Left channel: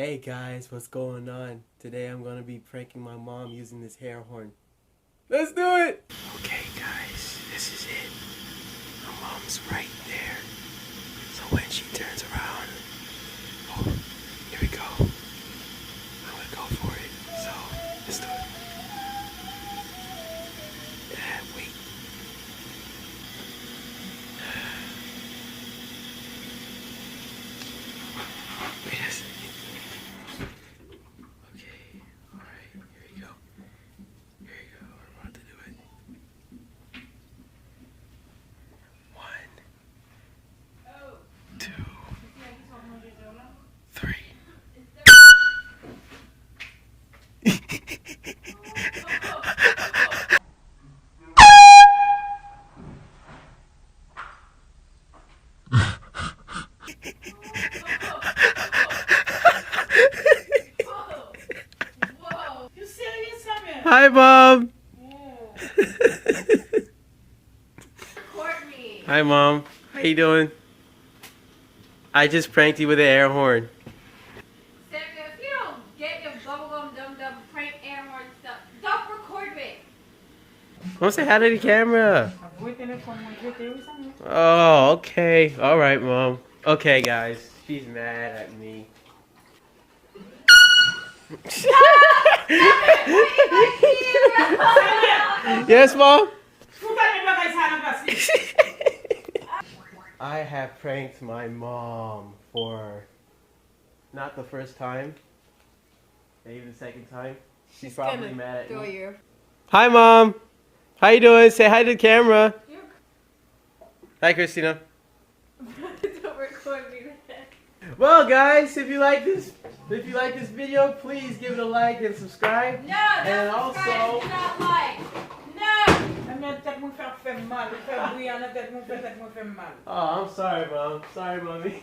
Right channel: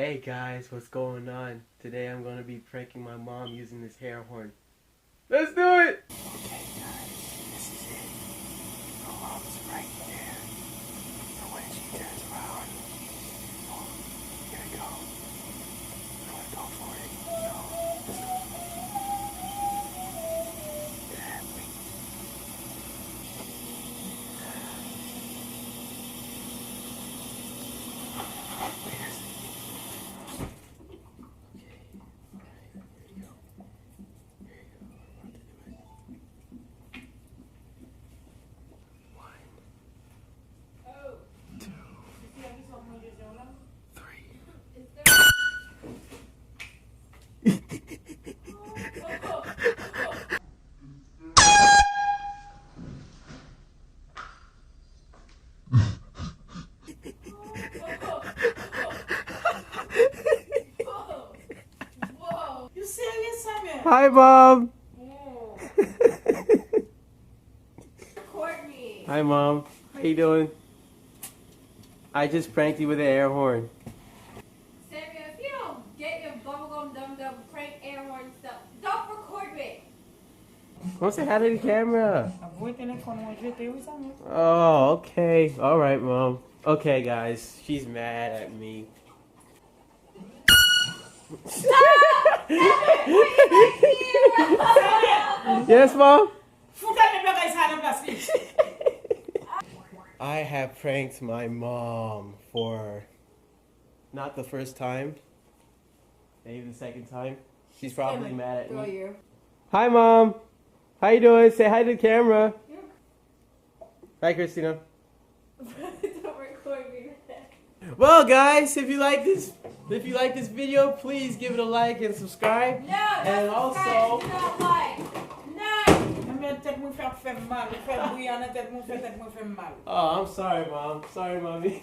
Hey guys, what's going on? Today I'm gonna be pranking my mom using this air horn. Let's do it! Okay guys, this is it. My mom's right there. So when she turns around, oh, here we go. I'm gonna go for it. So, let's do it. Wait. Yes. Okay, alright, here we go. Here we go, I'm about to do it. 1, 2, 3. You serious, Samuel? Hi, Mom. Whoa. Record me. Hi, Mom. How you doing? I just pranked you with an air horn. Samuel, if you don't get your bubblegum dum-dum prank air horn stuff, don't record me. Come say hi to the camera. Avoid telephone when you do something. Oh, okay. All right, Mom. Okay, guys. She's mad at me. Yes, Mom? I have pranked my mom for not the first time, maybe the second time. She's probably mad at me. You. Hi, Mom. How you doing? Say hi to the camera. Hi, Christina. Don't record me with that. Well, guys, if you like this video, please give it a like and subscribe. No, And don't also- subscribe, do not like. No. Oh, I'm sorry, Mom. Sorry, Mommy.